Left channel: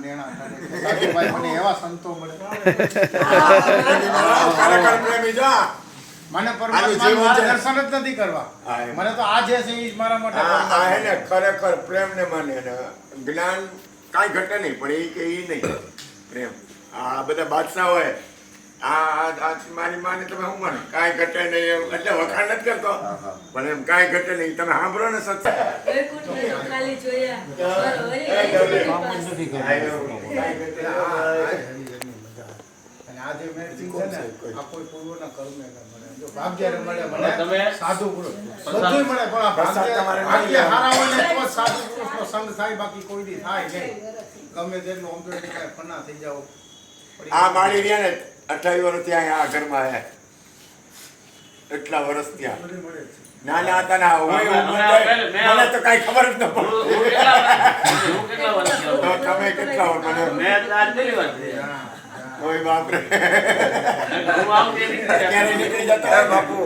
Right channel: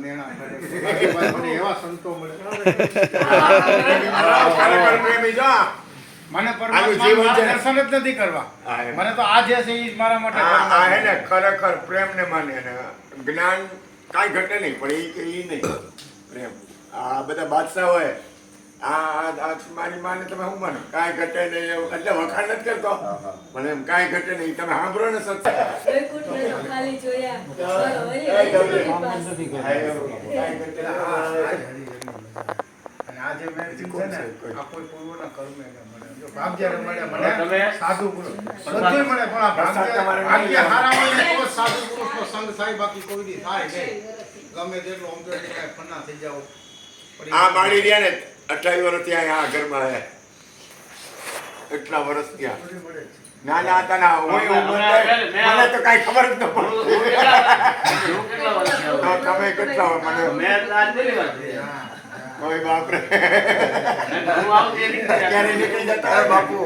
નેણા કરે ભાઈ મને એવા સંતો મળે મને પરમાત્મા દર્શન જ નથી કરવા મને તો આ જે છે એ મારા માટે આ હે ને ખરેખર પ્રેમ ને માને ને જ્ઞાન કાંઈ ઘટે નહીં પણ એ કે ઈ નહીં એમ આ બધા બાદશાહ હોય આ મારી માને તમે શું માને કાંઈ ઘટે નહીં એમ એટલે વખાણ નથી કરતો પણ એમ કાંઈ ઘટે નહીં તમે સાંભળો ને સત્સંગ ખાલી જોયા અને આજે મેં છે ને આ કોઈ પૂર્વના કર્મે મળે જો ભાગ્ય મળે મને સાધુ પુરુષ બધું મળે પણ આ ભાગ્ય હારા હોય તો સાધુ પુરુષનો સંગ થાય બાકી કોઈ દી થાય નહીં ગમે તેટલું અમદે કાંઈ ફના થઈ જાવ આ માળી રહ્યા ને 28 વર્ષ ત્યાં આ ઘરમાં હે એટલા વર્ષ ત્યાં નાના હતા ના મને તો કાંઈ ખબર જ ન પડે તમે કેટલા મને મેં આજ પહેલી વાર ઓય બાપ રે ક્યારે નીકળી જતા બાપુ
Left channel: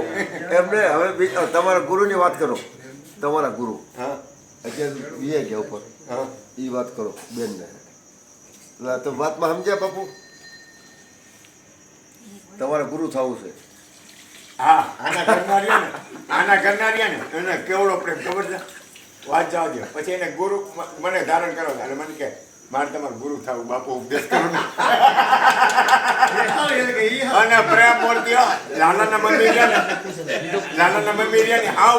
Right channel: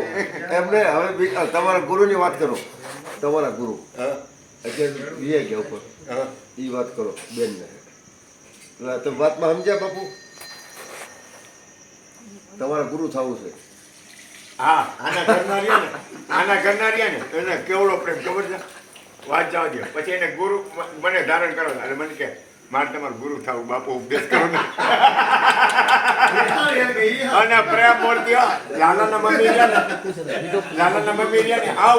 એમને હવે તમારા ગુરુની વાત કરો તમારા ગુરુ અત્યારે વિજય ગયા ઉપર એ વાત કરો બેનને એટલે તો વાતમાં સમજ્યા બાપુ તમારા ગુરુ થવું છે હા આના ઘરના રહ્યા ને એને કેવડો પ્રેમ ખબર છે વાત જવા દો પછી એને ગુરુ મને ધારણ કરો અને મને કે મારે તમારું ગુરુ થવું બાપુ ઉપદેશ કરો ને અને પ્રેમ મૂર્તિ લાલાના મમ્મી રહ્યા ને હાવ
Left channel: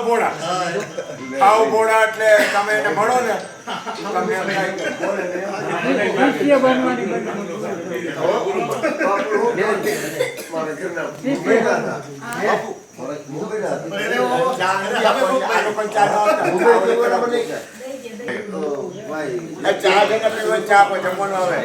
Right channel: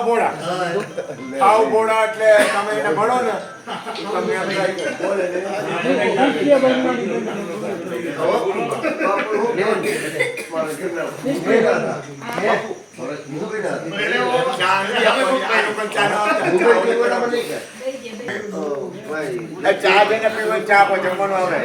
ભોળા એટલે તમે એને મળો ને ચા જઈને પીવા ચા પર જમવાનું આવે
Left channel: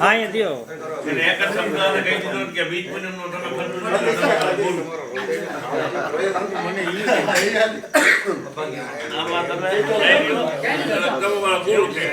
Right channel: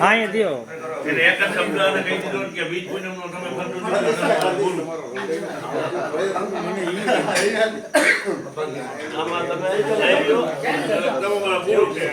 હા એ દિયો એટલે એક જ સમજાવને કહી દીધું કે બીજ પૂનમનો તમે ખર્ચો આમાં તમે લઈ લો તમે મારા ગુરુ છે